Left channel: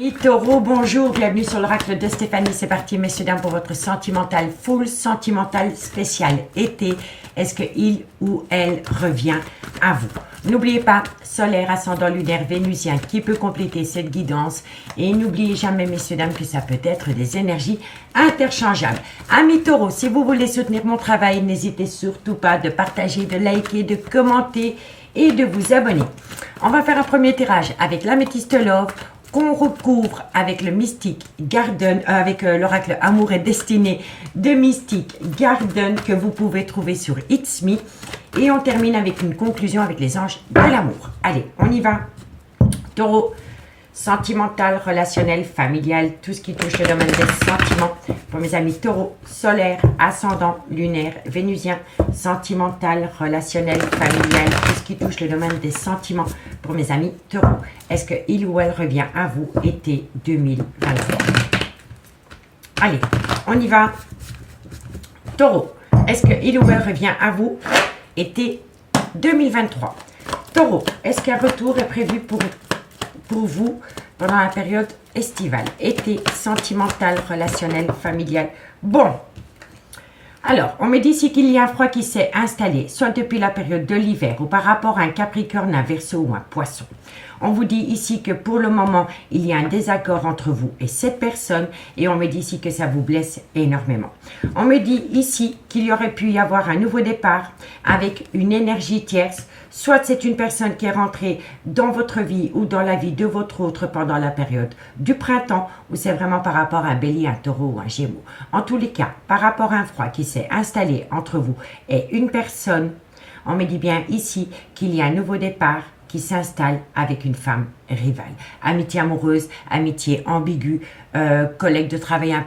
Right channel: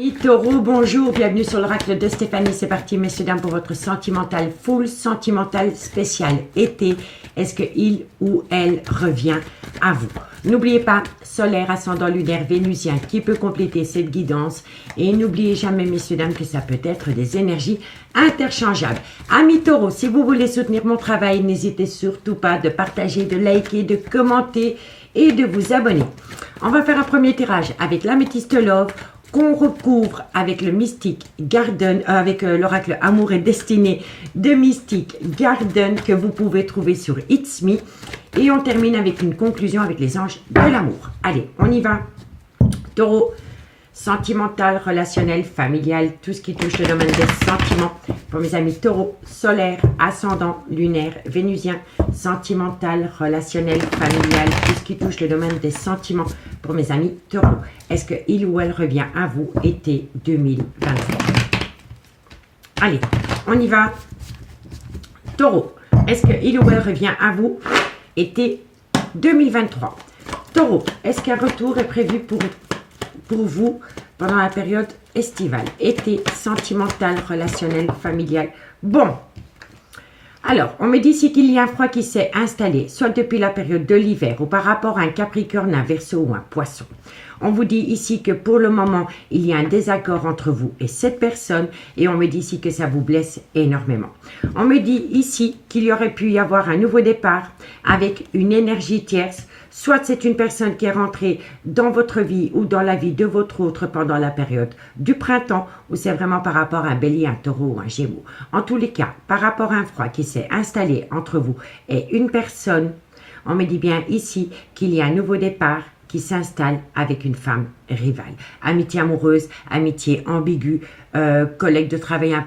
Amis Taureau, bonjour, bienvenue sur l'oracle de Stéphanie. C'est parti, messieurs, dames, pour votre sentimental full, sentimental spécial été. Est-ce qu'il ou elle revient à vous? N'oubliez pas, solaire, ascendant lunaire, vénusien, qui peut compléter cette guidance. Et n'oubliez jamais, messieurs, dames, que ça peut être des énergies interchangeables. Amis Taureau, si vous voulez soutenir mon travail, n'hésitez surtout pas de partager, de liker, de commenter et de vous abonner. On va faire un premier tirage avec l'améthyste Love, qu'on recouvre avec le Mystic Garden, avec l'oracle Amour et Destinée de Mystic Garden que vous pouvez trouver sur It's Me. Et on termine avec une conclusion avec les anges de l'amour. Allez, on y va. Taureau, sentimental, relationnel, familial, tout ce qui touche le domaine des sentiments. Pour mes amis Taureau, solaire, ascendant, lunaire, vénusien, sentimental, relationnel, familial, tout ce qui touche le domaine des sentiments. Pour mes amis Taureau, est-ce qu'il ou elle revient à vous été 2023? Allez, on y va. Taureau, est-ce qu'il ou elle revient à vous été 2023? Taureau, est-ce qu'un retour est prévu pour vous pendant la période estivale? Été, sentimental, relationnel, familial. Bon. Alors, on me dit ici qu'il y a un froid qui s'est installé, soit depuis la période de l'hiver ou par rapport à un Capricorne, un Verseau ou un Poisson. On vous dit ici que pour le moment, il y a un désaccord entre vous et cette personne et on me dit ici que ça vous blesse énormément. On me dit ici qu'il y aurait pu y avoir un nouveau départ avec une énergie tierce. Soit c'est une personne qui est rentrée dans votre vie ou dans la vie de votre autre pendant la période du printemps ou c'est vraiment par rapport à un bélier, un taureau ou un gémeaux. En tous les cas, par rapport à un froid qui s'est installé entre vous et une personne, on me dit bien ici qu'il y a un nouveau départ qui s'installe avec une femme rivale. Amitié amoureuse, amitié ambiguë, collègue de travail un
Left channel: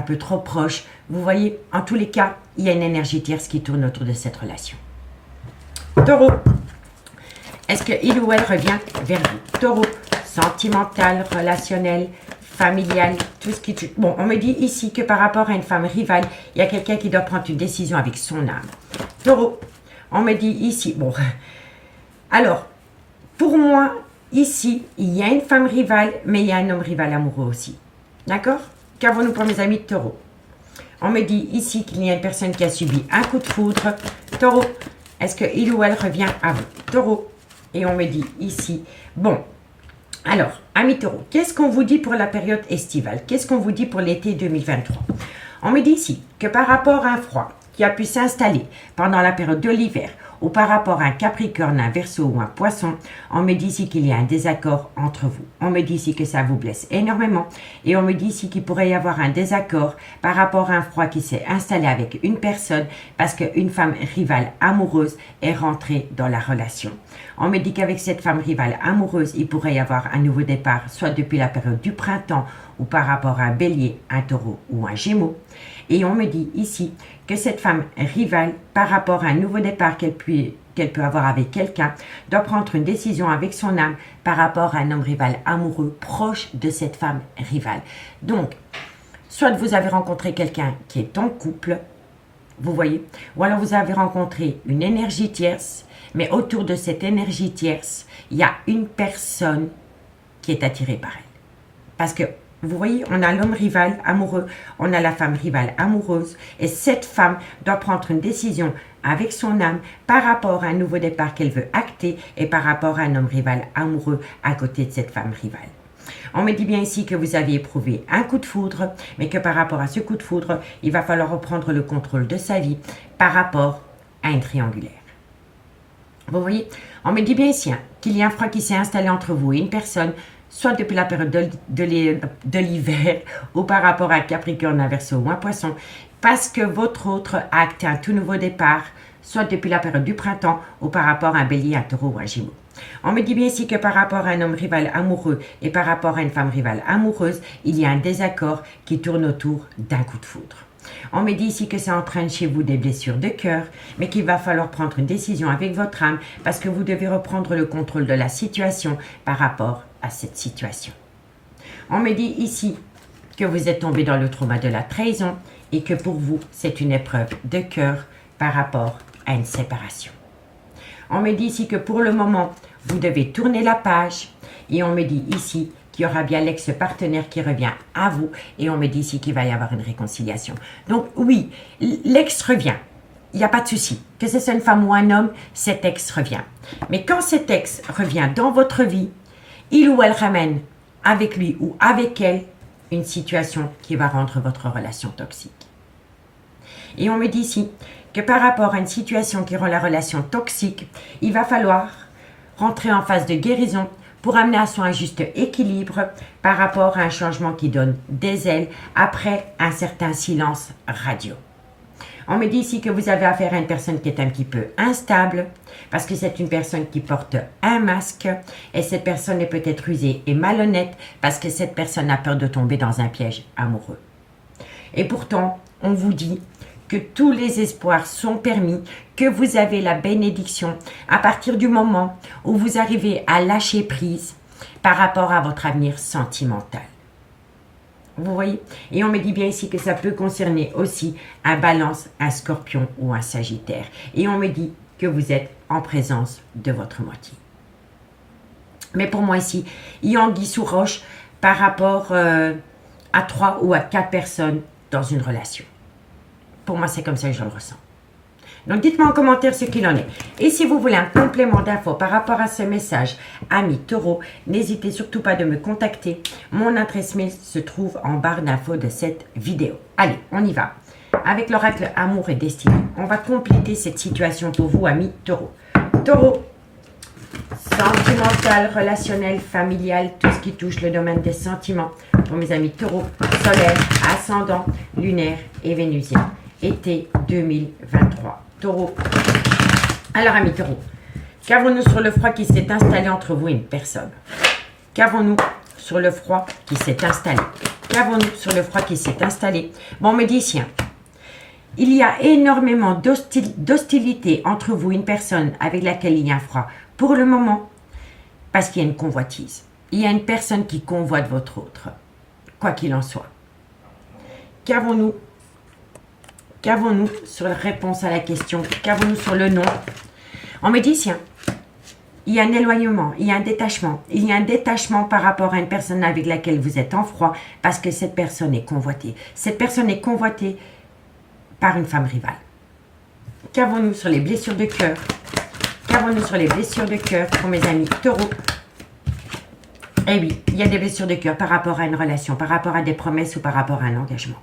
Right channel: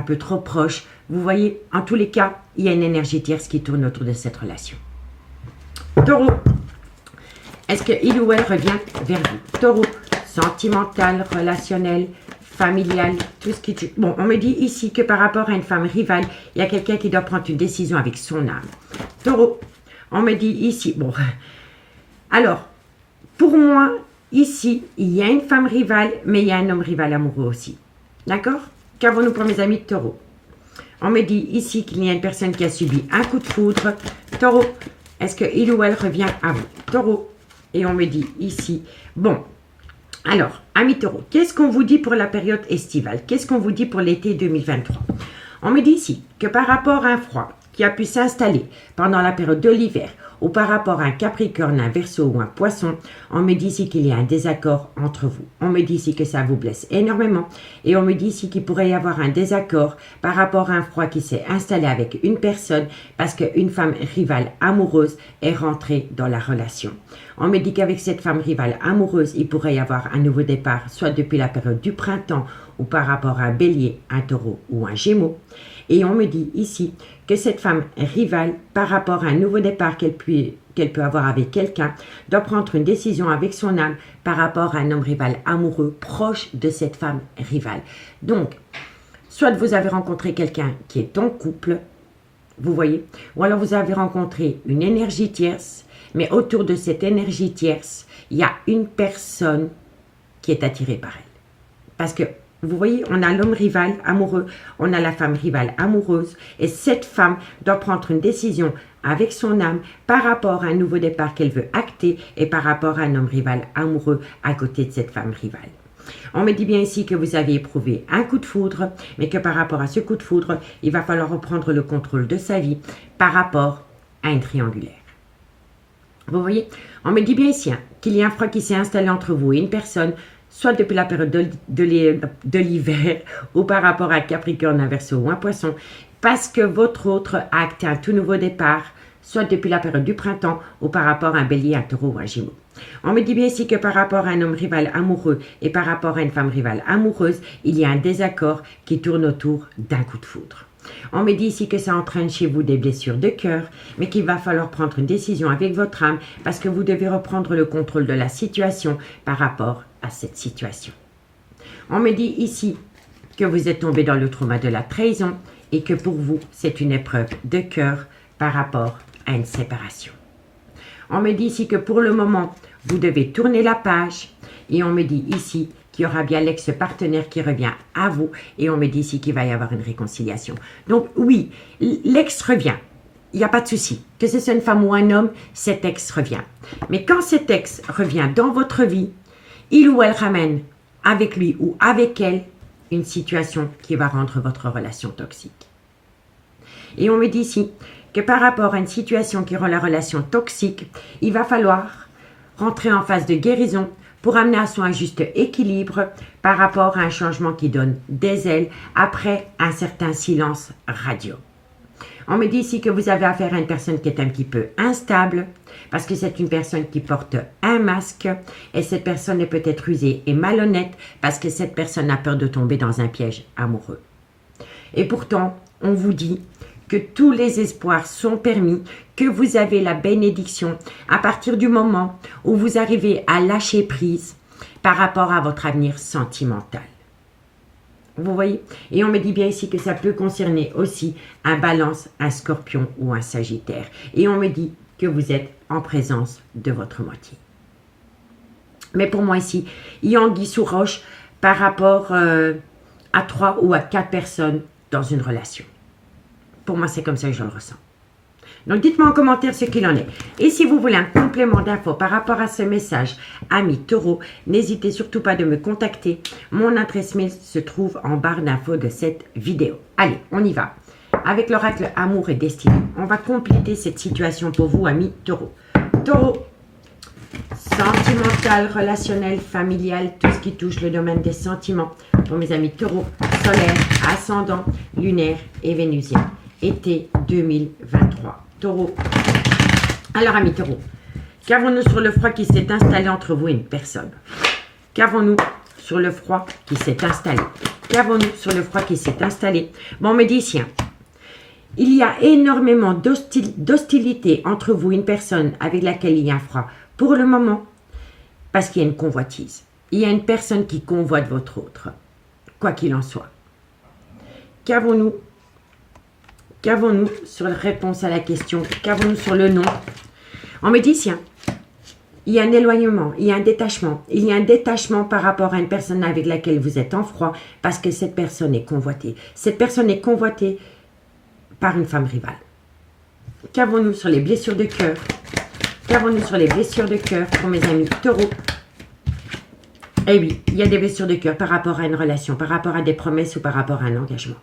peu trop proche. Vous voyez, en tous les cas, il y a une énergie tierce qui tourne autour de cette relation. Taureau, est-ce qu'il ou elle revient vers vous? Taureau, sentimental, relationnel, familial, tout ce qui tue. Bon, on me dit ici que par rapport à une femme rivale, il y a quelqu'un qui doit prendre une décision avec son âme. Taureau, on me dit ici, bon, alors, pour moi, ici, il y a une femme rivale, mais il y a un homme rival amoureux aussi. D'accord? Qu'avons-nous pour mes amis de Taureau? On me dit ici qu'il y a une personne qui a subi un coup de foudre. Taureau, est-ce qu'il ou elle revient à vous? Taureau. Et on me dit ici, bon, alors, amis Taureau, qu'est-ce qu'on vous dit pour la période estivale? Qu'est-ce qu'on vous dit pour l'été 2023? On me dit ici que par rapport à un froid qui a pu s'installer pendant la période de l'hiver, ou par rapport à un Capricorne, un Verseau ou un Poisson, on me dit ici qu'il y a un désaccord entre vous. On me dit ici que ça vous blesse énormément et on me dit ici qu'il pourrait y avoir un désaccord par rapport à un froid qui s'est installé avec une personne parce qu'une femme rivale amoureuse est rentrée dans la relation. On me dit qu'avec cette femme rivale amoureuse, il pourrait y avoir un nouveau départ, soit depuis la période du printemps ou par rapport à un Bélier, un Taureau ou un Gémeaux. Et on me dit ici que cette femme rivale, par rapport à un nouveau départ qu'elle peut avoir avec quelqu'un, doit prendre une décision avec son âme par rapport à un homme rival amoureux proche de cette femme rivale. Donc, soit vous avez rencontré quelqu'un qui est en couple, vous voyez, ou alors vous avez rencontré une énergie tierce, mais autour de cette énergie tierce, il y a une personne qui est attirée par elle. Parce que vous voyez, on a l'homme rival amoureux, on a la femme rivale amoureuse et cette femme doit prendre une décision avec son âme par rapport à un nouveau départ qu'elle veut acter et par rapport à un homme rival amoureux à côté de cette femme rivale. On me dit bien ici que vous avez éprouvé un coup de foudre, mais que par rapport à ce coup de foudre, il va falloir reprendre le contrôle de sa vie par rapport à une triangulaire. Vous voyez, on me dit bien ici qu'il y a un froid qui s'est installé entre vous et une personne, soit depuis la période de l'hiver ou par rapport à Capricorne, un Verseau ou un Poisson, parce que votre autre a acté un tout nouveau départ, soit depuis la période du printemps ou par rapport à un Bélier, un Taureau ou un Gémeaux. On me dit bien ici que par rapport à un homme rival amoureux et par rapport à une femme rivale amoureuse, il y a un désaccord qui tourne autour d'un coup de foudre. On me dit ici que ça entraîne chez vous des blessures de cœur, mais qu'il va falloir prendre une décision avec votre âme parce que vous devez reprendre le contrôle de la situation par rapport à cette situation. On me dit ici que vous êtes tombé dans le trauma de la trahison et que pour vous, c'est une épreuve de cœur par rapport à une séparation. On me dit ici que pour le moment, vous devez tourner la page et on me dit ici qu'il y aura bien l'ex-partenaire qui revient à vous. Et on me dit ici qu'il va y avoir une réconciliation. Donc oui, l'ex revient. Il n'y a pas de souci. Que ce soit une femme ou un homme, cet ex revient. Mais quand cet ex revient dans votre vie, il ou elle ramène avec lui ou avec elle une situation qui va rendre votre relation toxique. Et on me dit ici que par rapport à une situation qui rend la relation toxique, il va falloir rentrer en phase de guérison pour amener à son juste équilibre par rapport à un changement qui donne des ailes après un certain silence radio. On me dit ici que vous avez affaire à une personne qui est un petit peu instable parce que c'est une personne qui porte un masque et cette personne est peut-être rusée et malhonnête parce que cette personne a peur de tomber dans un piège amoureux. Et pourtant, on vous dit que tous les espoirs sont permis, que vous avez la bénédiction à partir du moment où vous arrivez à lâcher prise par rapport à votre avenir sentimental. Vous voyez? Et on me dit bien ici que ça peut concerner aussi un Balance, un Scorpion ou un Sagittaire. Et on me dit que vous êtes en présence de votre moitié. Mais pour moi ici, il y a anguille sous roche par rapport à 3 ou à 4 personnes dans une relation. Pour moi, c'est comme ça que je le ressens. Donc, dites-moi en commentaire ce qu'il en est. Et si vous voulez un complément d'infos par rapport à ce message, amis taureaux, n'hésitez surtout pas de me contacter. Mon adresse mail se trouve en barre d'infos de cette vidéo. Allez, on y va. Avec l'oracle Amour et Destinée, on va compléter cette situation pour vous, amis taureaux. Taureau, sentimental, relationnel, familial, tout ce qui touche le domaine des sentiments. Pour mes amis taureaux, solaire, ascendant, lunaire et vénusien. Été 2023. Taureau. Alors, amis taureaux, qu'avons-nous sur le froid qui s'est installé entre vous et une personne? Qu'avons-nous sur le froid qui s'est installé? Qu'avons-nous sur le froid qui s'est installé? Bon, on me dit ici, il y a énormément d'hostilité entre vous et une personne avec laquelle il y a un froid. Pour le moment, parce qu'il y a une convoitise. Il y a une personne qui convoite votre autre. Quoi qu'il en soit. Qu'avons-nous sur la réponse à la question? Qu'avons-nous sur le non? On me dit, tiens, il y a un éloignement, il y a un détachement. Il y a un détachement par rapport à une personne avec laquelle vous êtes en froid parce que cette personne est convoitée. Cette personne est convoitée par une femme rivale. Qu'avons-nous sur les blessures de cœur? Qu'avons-nous sur les blessures de cœur pour mes amis taureaux? Eh oui, il y a des blessures de cœur par rapport à une relation, par rapport à des promesses ou par rapport à un engagement.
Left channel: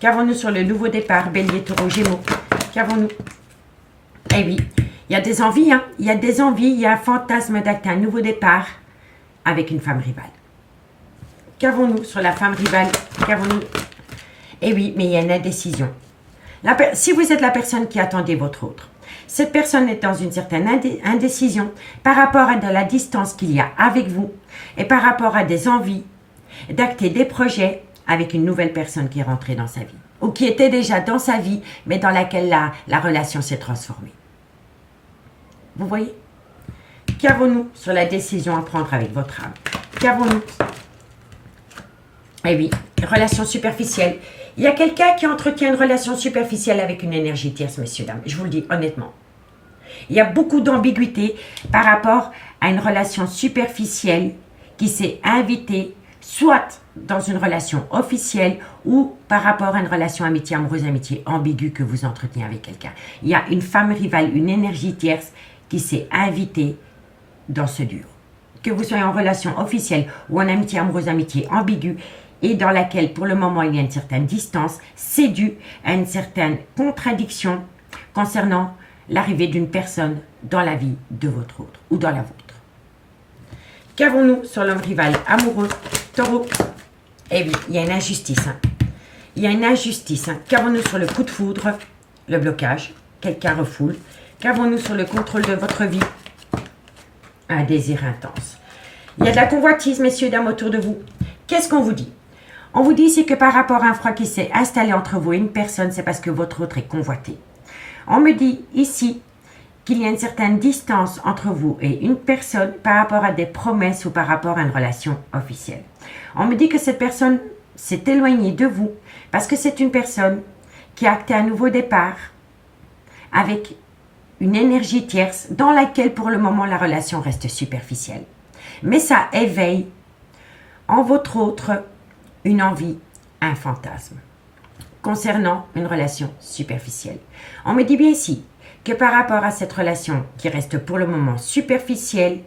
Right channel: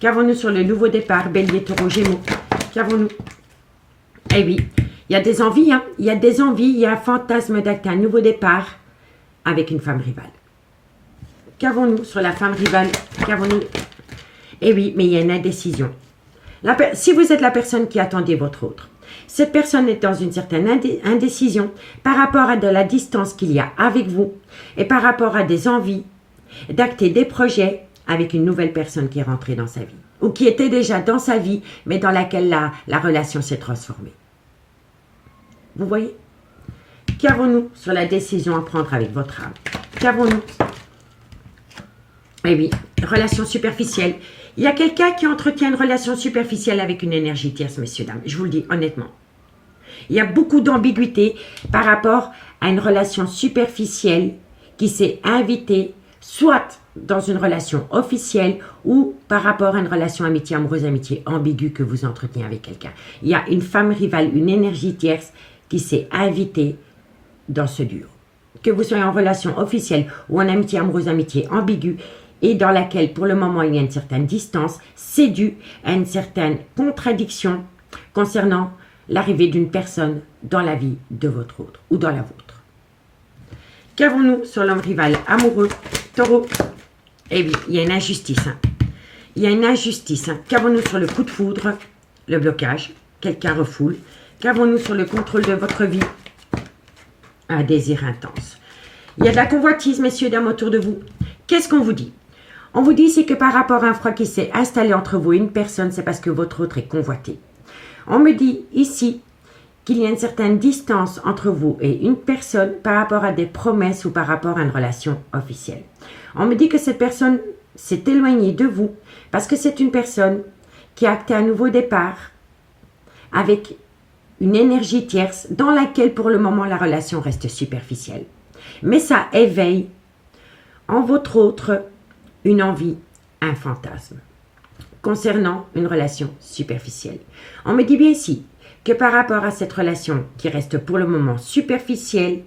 Qu'avons-nous sur le nouveau départ, Bélier, Taureau, Gémeaux? Qu'avons-nous? Eh oui, il y a des envies, hein? Il y a des envies, il y a un fantasme d'acter un nouveau départ avec une femme rivale. Qu'avons-nous sur la femme rivale? Qu'avons-nous? Eh oui, mais il y a une indécision. Si vous êtes la personne qui attendait votre autre, cette personne est dans une certaine indécision par rapport à de la distance qu'il y a avec vous et par rapport à des envies d'acter des projets avec une nouvelle personne qui est rentrée dans sa vie ou qui était déjà dans sa vie mais dans laquelle la relation s'est transformée. Vous voyez? Qu'avons-nous sur la décision à prendre avec votre âme? Qu'avons-nous? Eh oui, relation superficielle. Il y a quelqu'un qui entretient une relation superficielle avec une énergie tierce, messieurs, dames. Je vous le dis honnêtement. Il y a beaucoup d'ambiguïté par rapport à une relation superficielle qui s'est invitée, soit dans une relation officielle ou par rapport à une relation amitié, amoureuse, amitié ambiguë que vous entretenez avec quelqu'un. Il y a une femme rivale, une énergie tierce qui s'est invitée dans ce duo. Que vous soyez en relation officielle ou en amitié, amoureuse, amitié ambiguë, et dans laquelle, pour le moment, il y a une certaine distance, c'est dû à une certaine contradiction concernant l'arrivée d'une personne dans la vie de votre autre ou dans la vôtre. Qu'avons-nous sur l'homme rival amoureux, Taureau? Eh bien, il y a une injustice. Hein. Il y a une injustice. Hein. Qu'avons-nous sur le coup de foudre, le blocage, quelqu'un refoule? Qu'avons-nous sur le contrôle de votre vie? Un désir intense. Il y a de la convoitise, messieurs, dames, autour de vous. Qu'est-ce qu'on vous dit? On vous dit ici que par rapport à un froid qui s'est installé entre vous et une personne, c'est parce que votre autre est convoité. On me dit ici qu'il y a une certaine distance entre vous et une personne par rapport à des promesses ou par rapport à une relation officielle. On me dit que cette personne s'est éloignée de vous parce que c'est une personne qui a acté un nouveau départ avec une énergie tierce dans laquelle pour le moment la relation reste superficielle. Mais ça éveille En votre autre, une envie, un fantasme. Concernant une relation superficielle. On me dit bien ici que par rapport à cette relation qui reste pour le moment superficielle,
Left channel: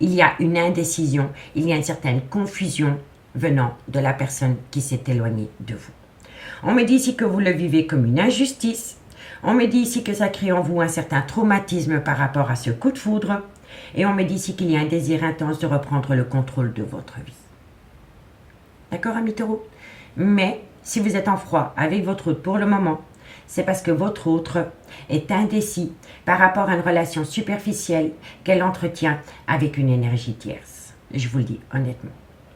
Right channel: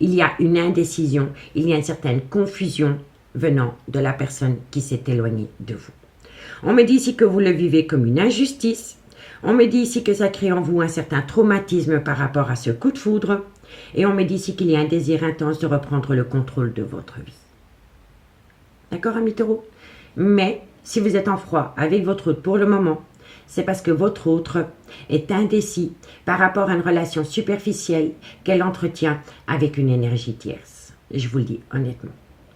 il y a une indécision, il y a une certaine confusion venant de la personne qui s'est éloignée de vous. On me dit ici que vous le vivez comme une injustice. On me dit ici que ça crée en vous un certain traumatisme par rapport à ce coup de foudre. Et on me dit ici qu'il y a un désir intense de reprendre le contrôle de votre vie. D'accord, amis taureaux? Mais si vous êtes en froid avec votre autre pour le moment, c'est parce que votre autre est indécis par rapport à une relation superficielle qu'elle entretient avec une énergie tierce. Je vous le dis honnêtement,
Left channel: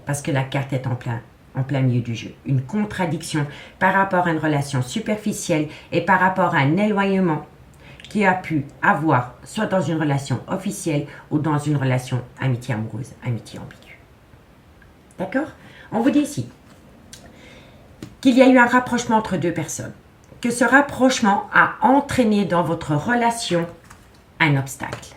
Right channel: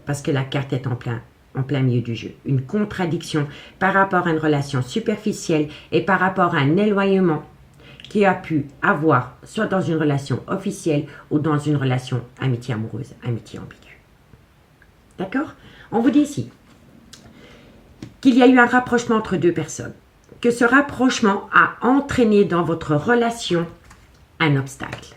parce que la carte est en plein milieu du jeu. Une contradiction par rapport à une relation superficielle et par rapport à un éloignement qui a pu avoir soit dans une relation officielle ou dans une relation amitié amoureuse, amitié ambiguë. D'accord? On vous dit ici qu'il y a eu un rapprochement entre deux personnes, que ce rapprochement a entraîné dans votre relation un obstacle.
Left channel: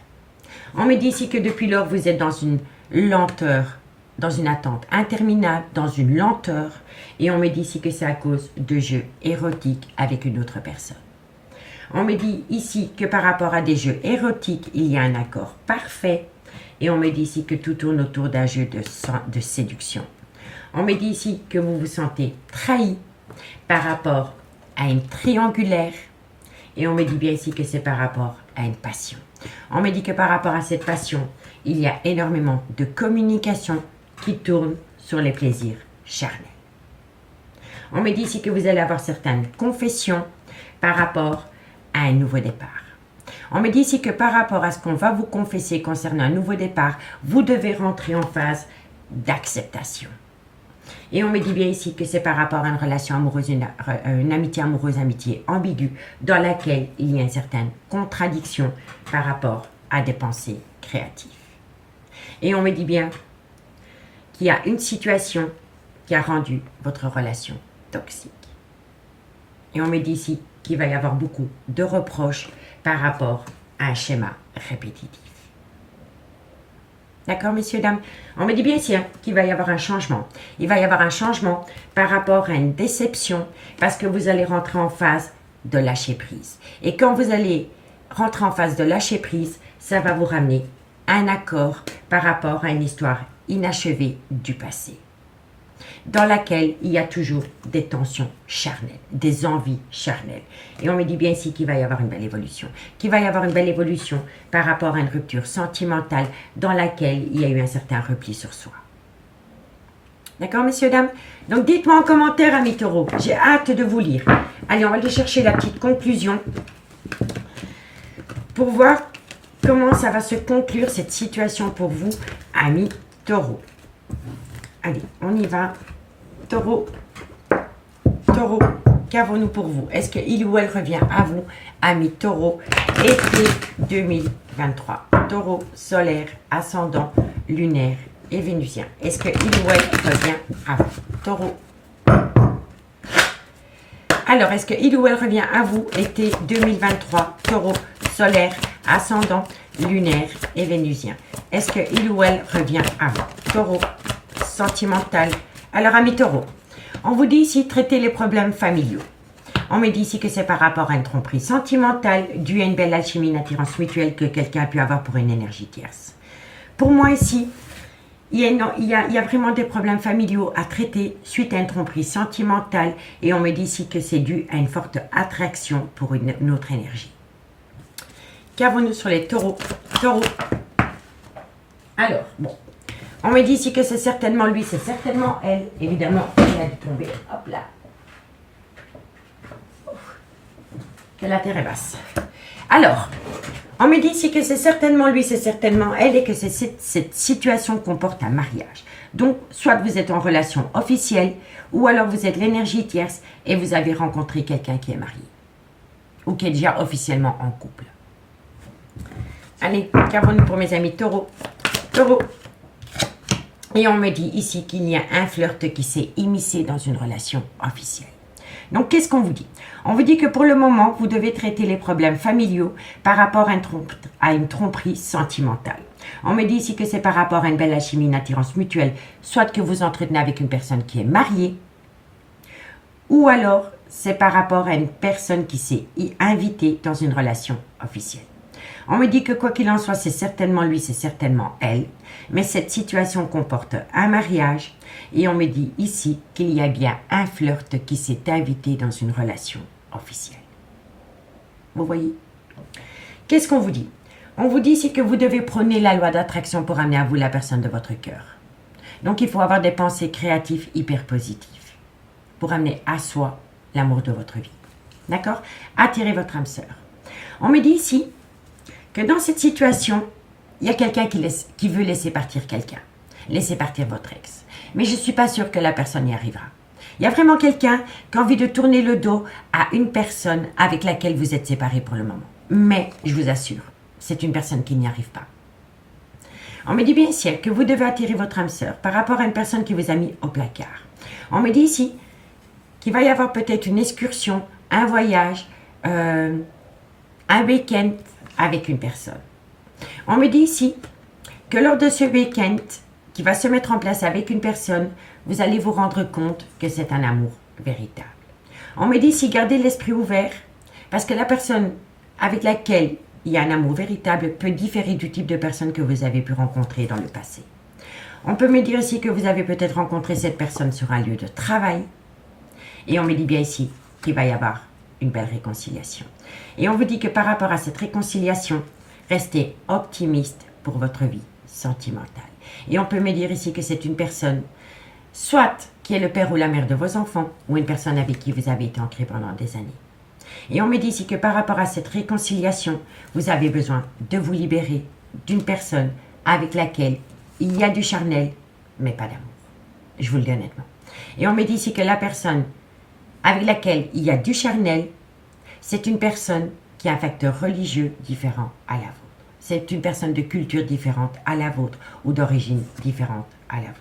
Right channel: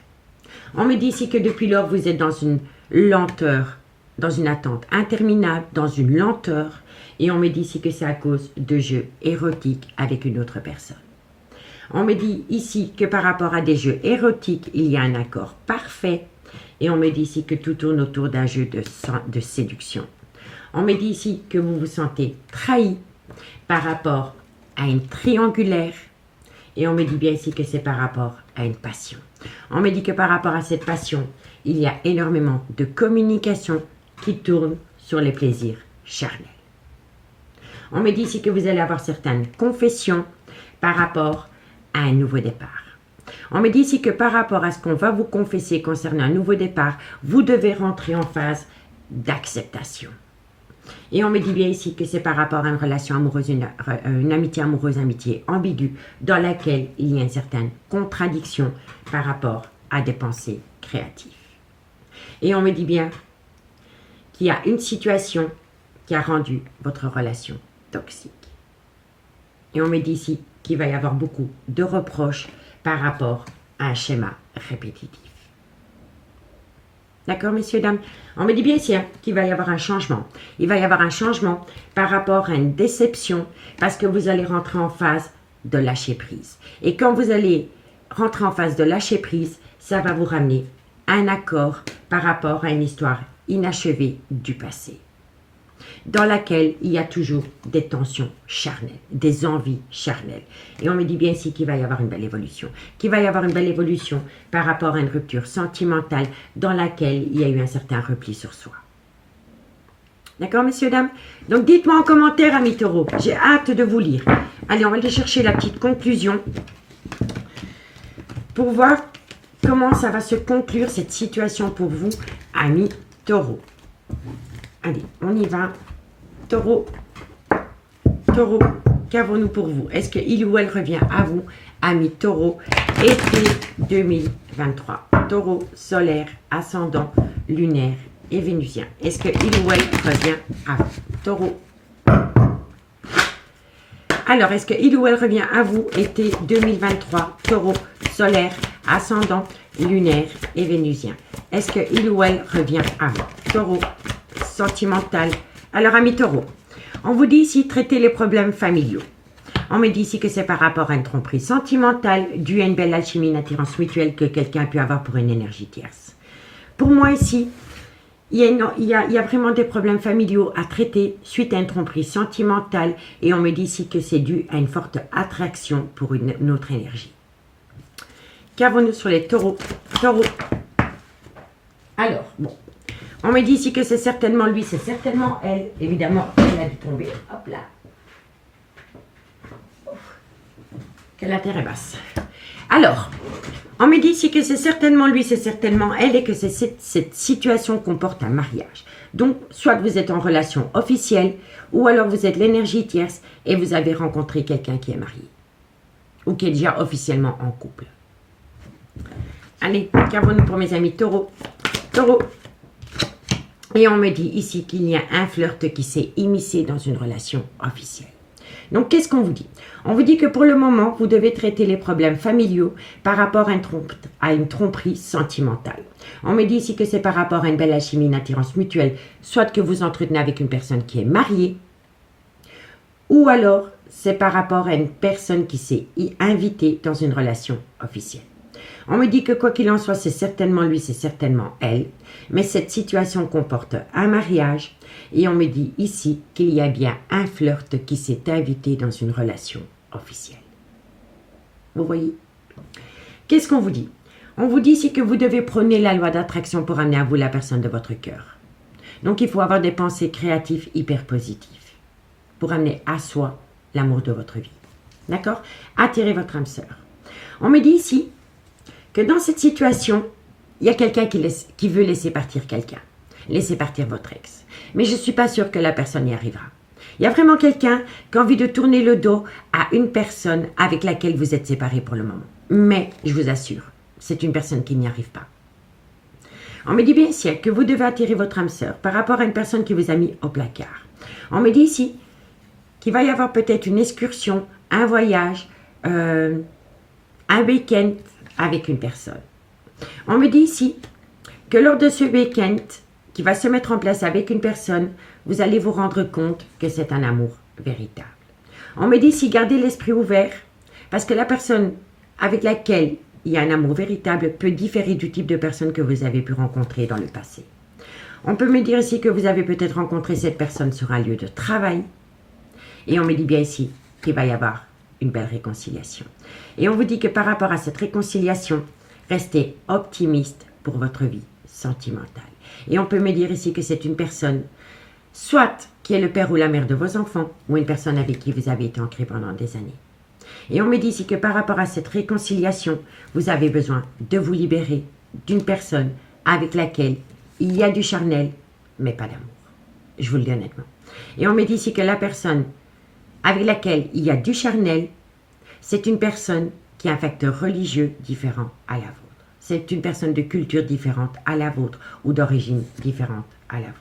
On me dit ici que depuis lors, vous êtes dans une lenteur, dans une attente interminable, dans une lenteur, et on me dit ici que c'est à cause de jeux érotiques avec une autre personne. On me dit ici que par rapport à des jeux érotiques, il y a un accord parfait, et on me dit ici que tout tourne autour d'un jeu de séduction. On me dit ici que vous vous sentez trahi par rapport à une triangulaire, et on me dit bien ici que c'est par rapport à une passion. On me dit que par rapport à cette passion, il y a énormément de communication qui tourne sur les plaisirs charnels. On me dit ici que vous allez avoir certaines confessions par rapport à un nouveau départ. On me dit ici que par rapport à ce qu'on va vous confesser concernant un nouveau départ, vous devez rentrer en phase d'acceptation. Et on me dit bien ici que c'est par rapport à une relation amoureuse, une amitié amoureuse, amitié ambiguë, dans laquelle il y a une certaine contradiction par rapport à des pensées créatives. Et on me dit bien qu'il y a une situation qui a rendu votre relation toxique. Et on me dit ici qu'il va y avoir beaucoup de reproches par rapport à un schéma répétitif. D'accord, messieurs, dames? On me dit bien ici qu'il va y avoir un changement. Il va y avoir un changement par rapport à une déception parce que vous allez rentrer en phase de lâcher prise. Et quand vous allez rentrer en phase de lâcher prise, ça va vous ramener un accord par rapport à une histoire inachevée du passé, dans laquelle il y a toujours des tensions charnelles, des envies charnelles. Et on me dit bien ici qu'il va y avoir une belle évolution, qu'il va y avoir une belle évolution par rapport à une rupture sentimentale dans laquelle il y a eu un certain repli sur soi. D'accord, messieurs, dames? Donc, dites-moi en commentaire, amis taureaux. J'ai hâte de vous lire. Allez, on va aller chercher la petite conclusion pour voir comment ça va se conclure, cette situation pour vous, amis taureaux. Allez, on y va. Taureau, taureau, qu'avons-nous pour vous? Est-ce qu'il ou elle revient à vous, amis taureau, été 2023? Taureau, solaire, ascendant, lunaire et vénusien. Est-ce qu'il ou elle revient à vous? Taureau. Alors, est-ce qu'il ou elle revient à vous, été 2023? Taureau, solaire, ascendant, lunaire et vénusien. Est-ce qu'il ou elle revient à vous? Taureau, sentimental. Alors, amis taureaux, on vous dit ici traiter les problèmes familiaux. On me dit ici que c'est par rapport à une tromperie sentimentale due à une belle alchimie, une attirance mutuelle que quelqu'un a pu avoir pour une énergie tierce. Pour moi ici, il y a vraiment des problèmes familiaux à traiter suite à une tromperie sentimentale et on me dit ici que c'est dû à une forte attraction pour une autre énergie. Qu'avons-nous sur les taureaux? Taureaux. Alors, bon. On me dit ici que c'est certainement lui, c'est certainement elle. Évidemment, elle a dû tomber. Hop là. Que la terre est basse. Alors, on me dit ici que c'est certainement lui, c'est certainement elle et que cette situation comporte un mariage. Donc, soit vous êtes en relation officielle ou alors vous êtes l'énergie tierce et vous avez rencontré quelqu'un qui est marié ou qui est déjà officiellement en couple. Allez, qu'avons-nous pour mes amis taureaux? Taureaux. Et on me dit ici qu'il y a un flirt qui s'est immiscé dans une relation officielle. Donc, qu'est-ce qu'on vous dit? On vous dit que pour le moment, vous devez traiter les problèmes familiaux par rapport à une tromperie sentimentale. On me dit ici que c'est par rapport à une belle alchimie, une attirance mutuelle, soit que vous entretenez avec une personne qui est mariée, ou alors c'est par rapport à une personne qui s'est invitée dans une relation officielle. On me dit que quoi qu'il en soit, c'est certainement lui, c'est certainement elle, mais cette situation comporte un mariage et on me dit ici qu'il y a bien un flirt qui s'est invité dans une relation officielle. Vous voyez? Qu'est-ce qu'on vous dit? On vous dit ici que vous devez prôner la loi d'attraction pour amener à vous la personne de votre cœur. Donc il faut avoir des pensées créatives hyper positives pour amener à soi l'amour de votre vie. D'accord? Attirez votre âme sœur. On me dit ici que dans cette situation, il y a quelqu'un qui veut laisser partir quelqu'un. Laisser partir votre ex. Mais je ne suis pas sûre que la personne y arrivera. Il y a vraiment quelqu'un qui a envie de tourner le dos à une personne avec laquelle vous êtes séparés pour le moment. Mais, je vous assure, c'est une personne qui n'y arrive pas. On me dit bien ici que vous devez attirer votre âme sœur par rapport à une personne qui vous a mis au placard. On me dit ici qu'il va y avoir peut-être une excursion, un voyage, un week-end avec une personne. On me dit ici que lors de ce week-end qui va se mettre en place avec une personne, vous allez vous rendre compte que c'est un amour véritable. On me dit ici gardez l'esprit ouvert parce que la personne avec laquelle il y a un amour véritable peut différer du type de personne que vous avez pu rencontrer dans le passé. On peut me dire ici que vous avez peut-être rencontré cette personne sur un lieu de travail. Et on me dit bien ici qu'il va y avoir une belle réconciliation. Et on vous dit que par rapport à cette réconciliation, restez optimiste pour votre vie sentimentale. Et on peut me dire ici que c'est une personne, soit qui est le père ou la mère de vos enfants, ou une personne avec qui vous avez été ancré pendant des années. Et on me dit ici que par rapport à cette réconciliation, vous avez besoin de vous libérer d'une personne avec laquelle il y a du charnel, mais pas d'amour. Je vous le dis honnêtement. Et on me dit ici que la personne avec laquelle il y a du charnel, c'est une personne qui a un facteur religieux différent à la vôtre. C'est une personne de culture différente à la vôtre ou d'origine différente à la vôtre.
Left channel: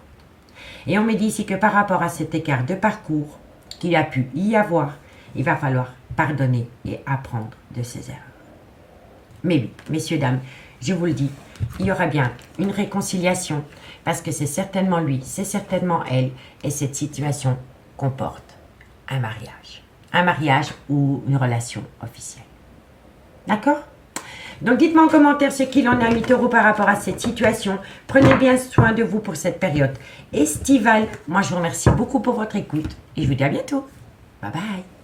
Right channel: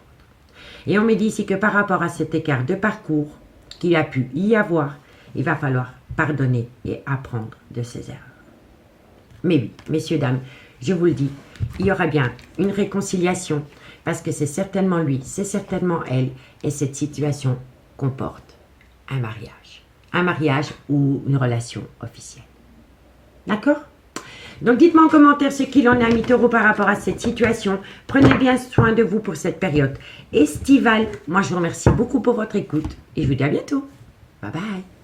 Et on me dit ici que par rapport à cet écart de parcours qu'il a pu y avoir, il va falloir pardonner et apprendre de ses erreurs. Mais oui, messieurs, dames, je vous le dis, il y aura bien une réconciliation parce que c'est certainement lui, c'est certainement elle et cette situation comporte un mariage. Un mariage ou une relation officielle. D'accord? Donc dites-moi en commentaire ce qu'il en a, mis taureau, par rapport à cette situation. Prenez bien soin de vous pour cette période estivale. Moi, je vous remercie beaucoup pour votre écoute et je vous dis à bientôt. Bye bye.